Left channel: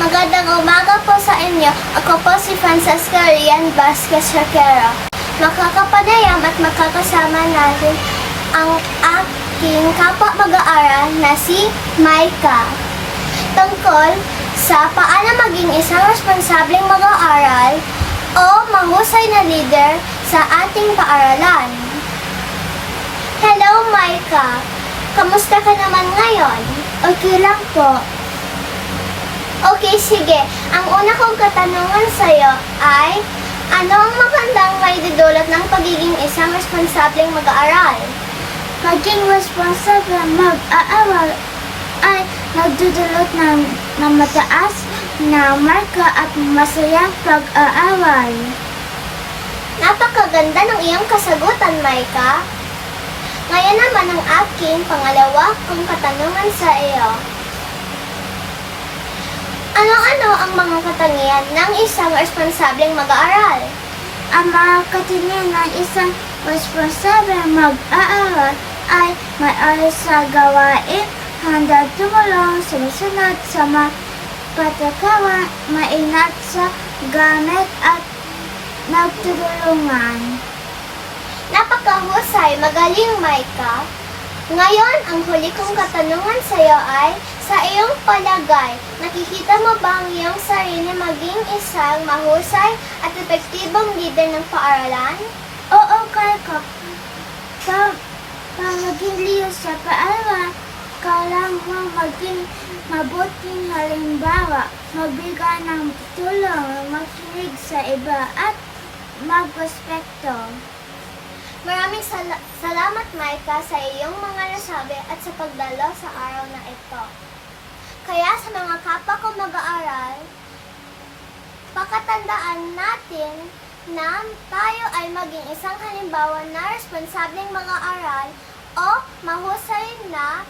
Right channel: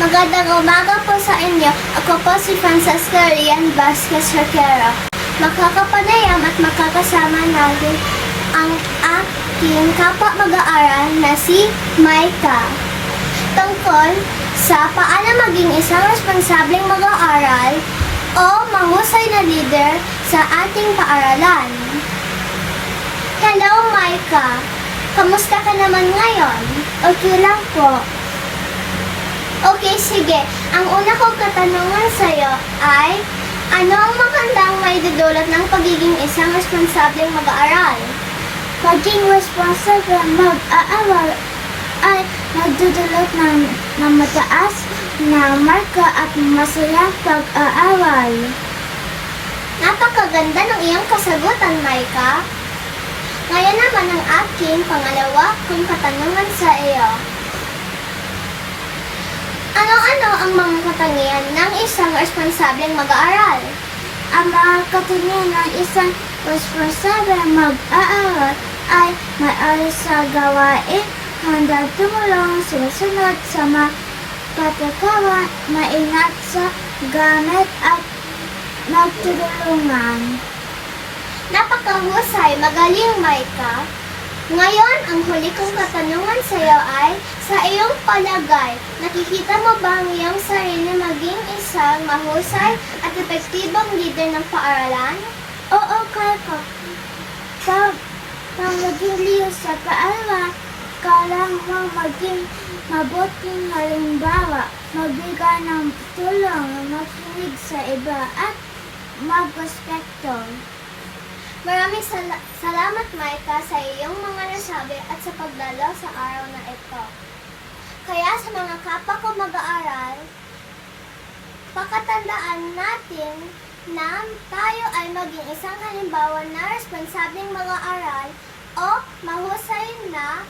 Magandang umaga po sa inyo. Ako po si Francesco Rian Vasquez Raquero. Makakapanayam at makakasama natin ang aking kapwa mag-aaral na si Maika. Tungkol sa paano maging isang responsableng mag-aaral o mahusay na leader sa ating paaralan. Hello, Maika! Kamusta ka naman ngayon? Okay lang po. Okay, sige. Ang una kong katanungan sa'yo ay, ano ang magandang maidudulot ng pagiging isang responsableng mag-aaral? Pagiging responsableng mag-aaral ay nagdudulot ng mataas na marka at masayang pag-aaral. Napakaganda ng iyong kasagutan, Maika. Ngayon naman ang aking pangalawa kong katanungan sa iyo. Ano-ano ang mga katangian ng isang responsableng mag-aaral? Ang mga katangian ng isang responsableng mag-aaral ay maayos sa gawain, handang tumulong, sumusunod sa mga patakaran, maingat sa gamit at nagtutulungan. Napakahusay, magaling, Maika. Ngayon, ang huli kong katanungan sa iyo ay, sa iyong palagay, nakikita mo ba ang iyong sarili maging isang mahusay at epektibong leader ng paaralan? Oo, kaya ko. Para maging liyo sa paaralan, kailangan maging mabuting halimbawa, magbigay ng tulong, makinig sa iba, at magrespeto. Maraming salamat, Maika, sa iyong mga nasabi at sa pagdalaw sa araw na ito. Kaya sa mga kapwa ko mag-aaral, pakatandaan natin na tayo ay maging isang halimbawa na responsableng mag-aaral o mahusay na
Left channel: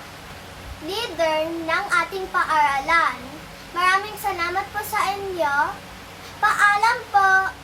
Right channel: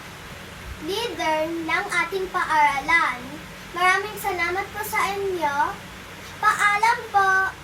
leader ng ating paaralan. Maraming salamat po sa inyo. Paalam po!